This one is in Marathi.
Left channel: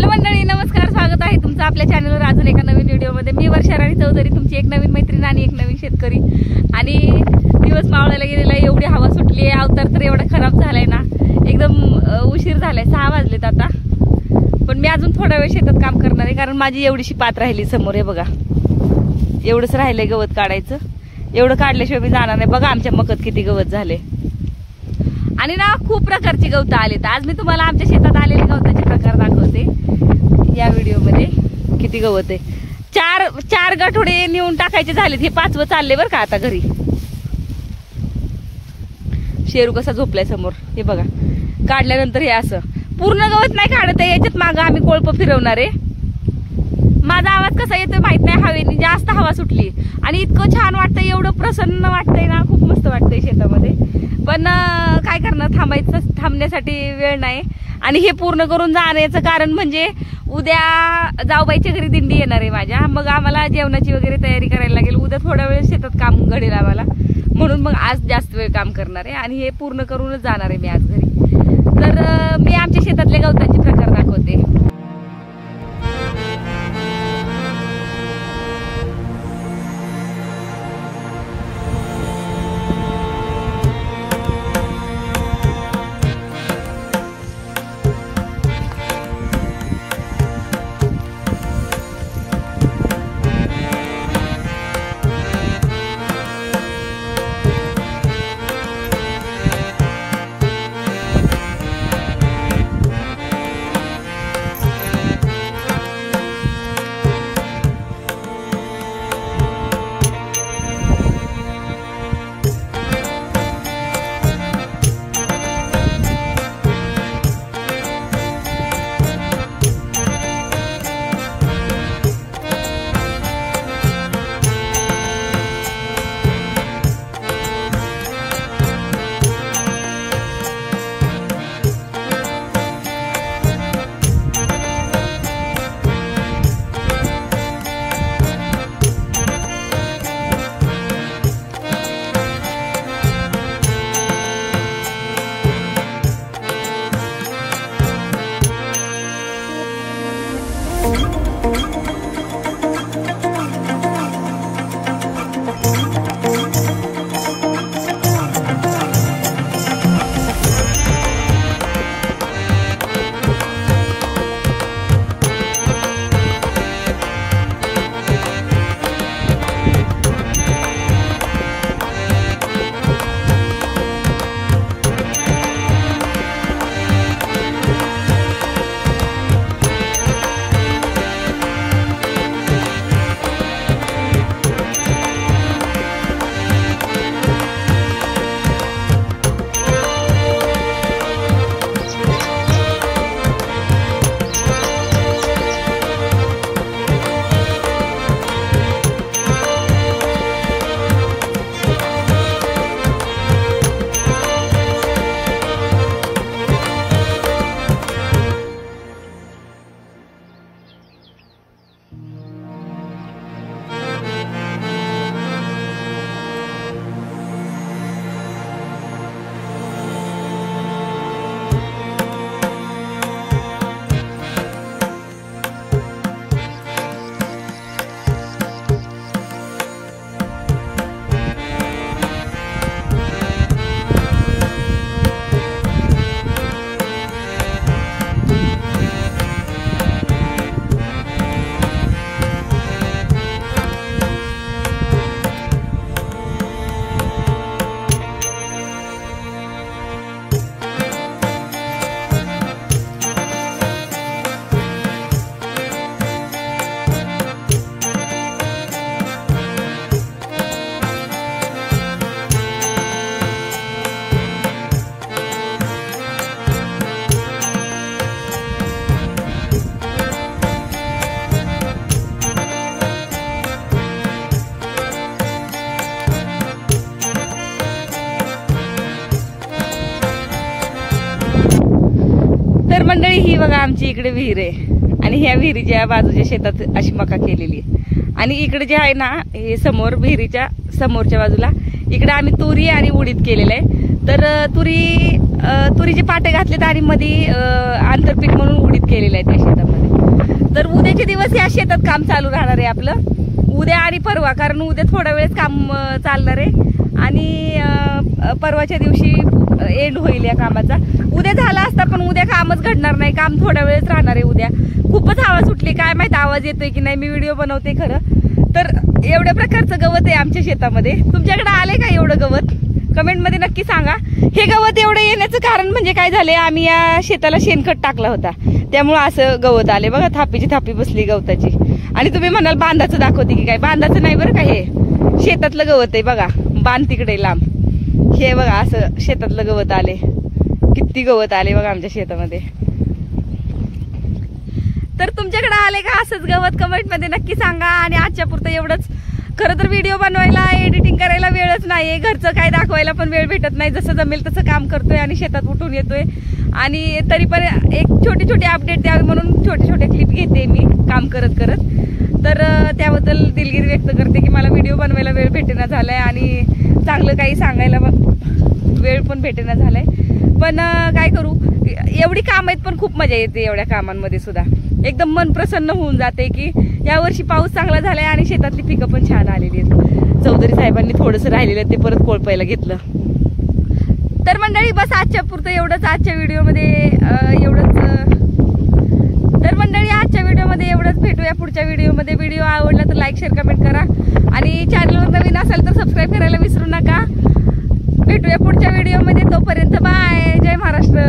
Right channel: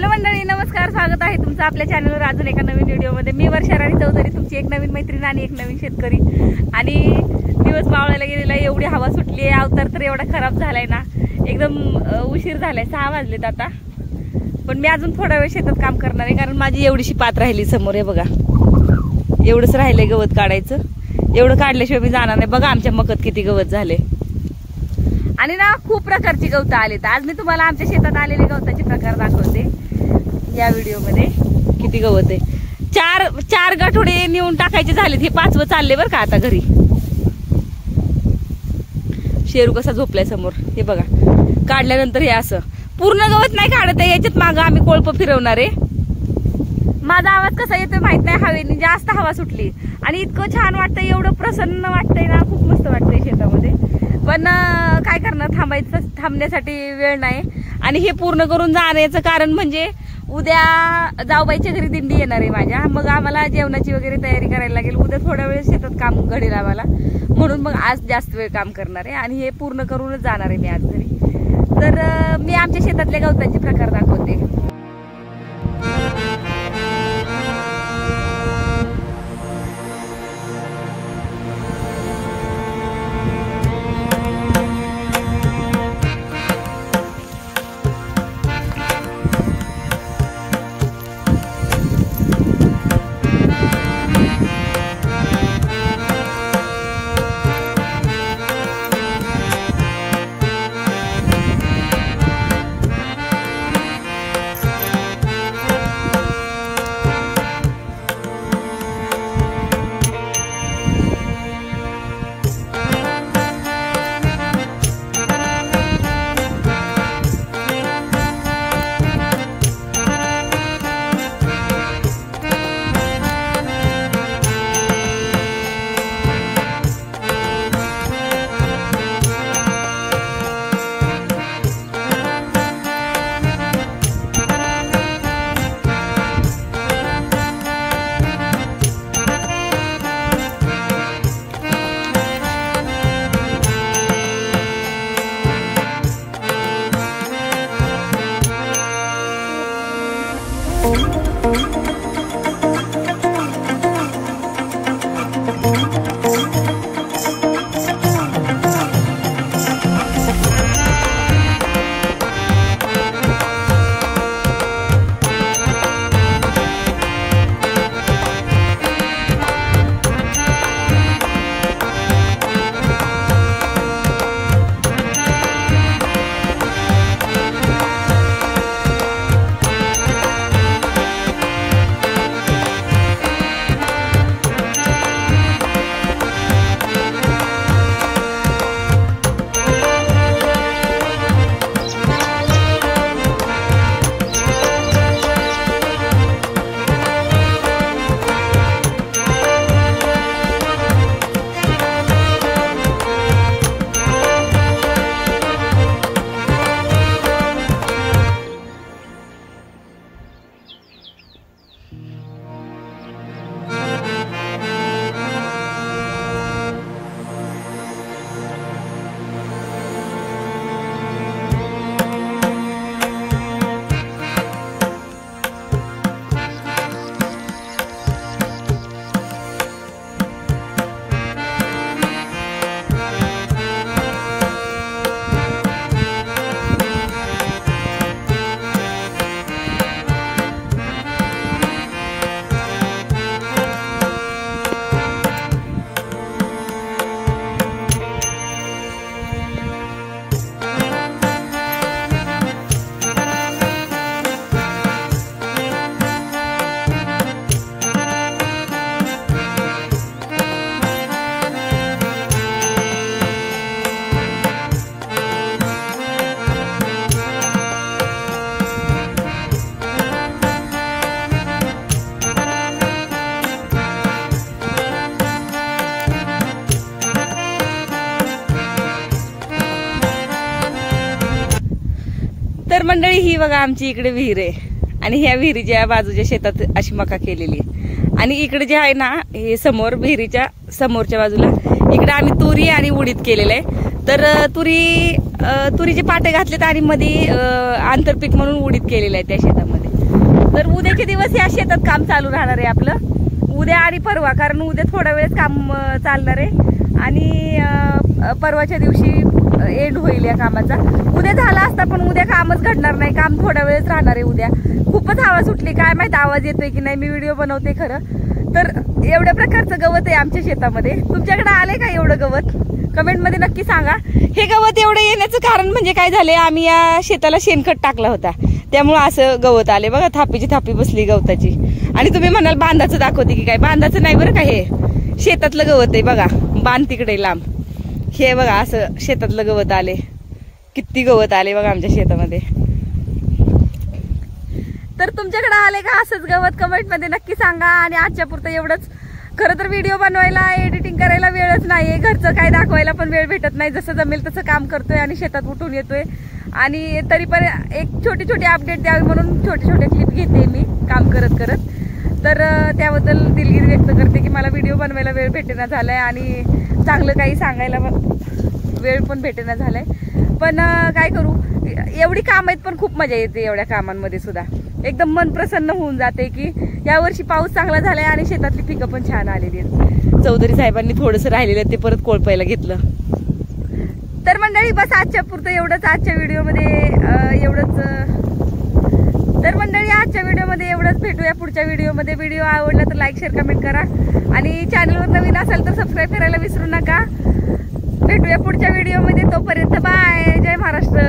हॅलो मंडळी, नमस्कार. स्वागत आहे तुमचं आपल्या चॅनलवर अजून एका नवीन व्हिडिओमध्ये. मी वर्षा राणी चौधरी, तुमची एक नवीन मैत्रीण आणि एक नवीन शेतकरी. आणि दिवस मावळायला गेलेला, एवढी हवा सुटली आहे, अवतार तर एवढा खराब झालाय ना, एकदम उशीर झालाय. 6 वाजलेत आता. पण मी अजून थोडा वेळ शेतात काम करणार आहे, कारण माझी एवढीशी पात राहिली समोर. हे बघा, एवढंच राहिलंय गवत काढायचं. एवढं काढल्याशिवाय मी जाणार नाही. बघा आमच्या मकत किती गवत झाले. आणि ना खूप प्रकारची गवतं आलीत. आज मी तुम्हाला आमच्या शेतात आलेले गवताचे प्रकार दाखवते या व्हिडिओमध्ये. किती गवत आहे. चार गाठोडे नेऊन टाकायचे झालेत. हे 5वं चालले बरं का आता घरी. शेरू कसा झोपलाय समोर, हे बघा. काढल्यानंतर हे असं पूर्ण गवत नाही काढत आहे. याच्यात मागं आम्ही कोळप फिरवणार आहे. माझा आवाज कसा येतोय माहित नाही. हवेने जास्त हवा सुटली आणि इतकं छान वाटतंय, एवढं प्रसन्न वाटतंय ना, खूप मस्त वाटतंय शेतामध्ये. पण काय करणार, थांबण्यासाठी वेळ नाही. आणि हे पूर्ण करून जाण्याचं कारण म्हणजे उद्या जाऊबाईच्या घरी दिंडी येणार आहे माझ्या. मग आम्हाला जेवणाची वगैरे तयारी करायला लागेल. उद्या थोडा वेळ शेतात काम घडेल आम्हाला, म्हणून मग आज जास्त वेळ काम करणार आहे आणि हे पूर्ण करूनच जाणार आहे मी आज घरी. तर मी आमच्या शेतातल्या गवतांचे प्रकार दाखवते. तर मंडळी, ही बघा आमची इकडे विहीर आहे आणि ह्या विहिरीच्या बाजूच्या शेतात अशी मका केलेली आहे. आणि इकडे जे आहे ना, हे समोर विहिरीच्या समोरच्या बाजूला इकडे आम्ही तुरी आणि उडीद केलेलं आहे. तर तुरी तुरीचे पाटे घातलेत आणि मध्ये आंतरपीक म्हणून उडीद केलेलं आहे त्या शेतामध्ये. तर उद्याचे दिवस या शेतात काम चालू राहणार आहे आपलं, उद्या आणि परवा, कारण उद्या थोडा वेळच काम चालणार आहे आणि परवाच्या दिवशी एंड होईल या कामाचा. उद्या झाला असता पण उद्या कामच घडणार नाही, काम थोडा वेळच राहणार आहे उद्या. खूपच हवा सुटली, काय माहित आवाज येतोय की नाही, मी व्हिडिओ बनवते खरं. तर एवढ्या प्रकारचं गवत आहे आमच्या शेतामध्ये. तुमच्याकडे आले का एवढं गवत? कमेंटमध्ये नक्की सांगा. हे गवत एवढं येण्याचं कारण म्हणजे काय झालंय, आम्ही या शेताला शेणखत टाकला होता त्यामुळे असं गवत आले बघा. थापीची थापी बसली गवताची. आणि तुम्ही म्हणाल बांधाचं दाखवते की काय, बांधाचं नाही बरं का, हे शेतातलं गवत आहे बघा. बांध तिकडे लांब, हे बघा असं शेतातलं गवत आले. किती गवत आले बघा आमच्या शेतामध्ये. तर तुमच्याकडे आले का असंच गवत? कमेंटमध्ये नक्की सांगा. आणि आजच्या पुरतं एवढंच. खरं तर व्हिडिओ बनवायला, एडिटिंग करायला वेळच नाहीये, घरचं काय दाखवायला पण वेळ भेटत नाही. जसं जमेल तसं काम करतोय आणि शेतात उठून येतोय. आणि तरी पण एक छोटी छोटी अपडेट द्यावी म्हणून छोटे छोटे क्लिप घेते मी काम करत करत. तर त्याबद्दल दिलगिरी व्यक्त करते की मला व्हिडिओ बनवायला वेळ भेटेना झालाय आणि चांगलं काही सांगायला वेळ पण भेटेना झालाय. पण काय करू, एवढी काम आहेत पण खूप मजा येते एवढ्या कामांमध्ये सुद्धा. एकदम मन प्रसन्न होऊन जाते की यावर्षी पाऊस चांगला झालाय आणि शेतातली पिकं पण छान आलेली आहेत. चौधरी साहेबांनी थोडंसं राहिलेलं ते परत कोळपायला घेतलं. तर मंडळी बस आजच्या पुरतं एवढंच. आजच्या व्हिडिओमध्ये एवढंच. तर मंडळी आजच्या व्हिडिओमध्ये एवढंच. भेटूया पुढच्या व्हिडिओमध्ये. व्हिडिओ आवडला तर लाईक, शेअर, कमेंट करा आणि चॅनलवर नवीन असाल तर सबस्क्राईब करायला विसरू नका. भेटूया पुढच्या व्हिडिओमध्ये. तोपर्यंत बाय. जय महाराष्ट्र.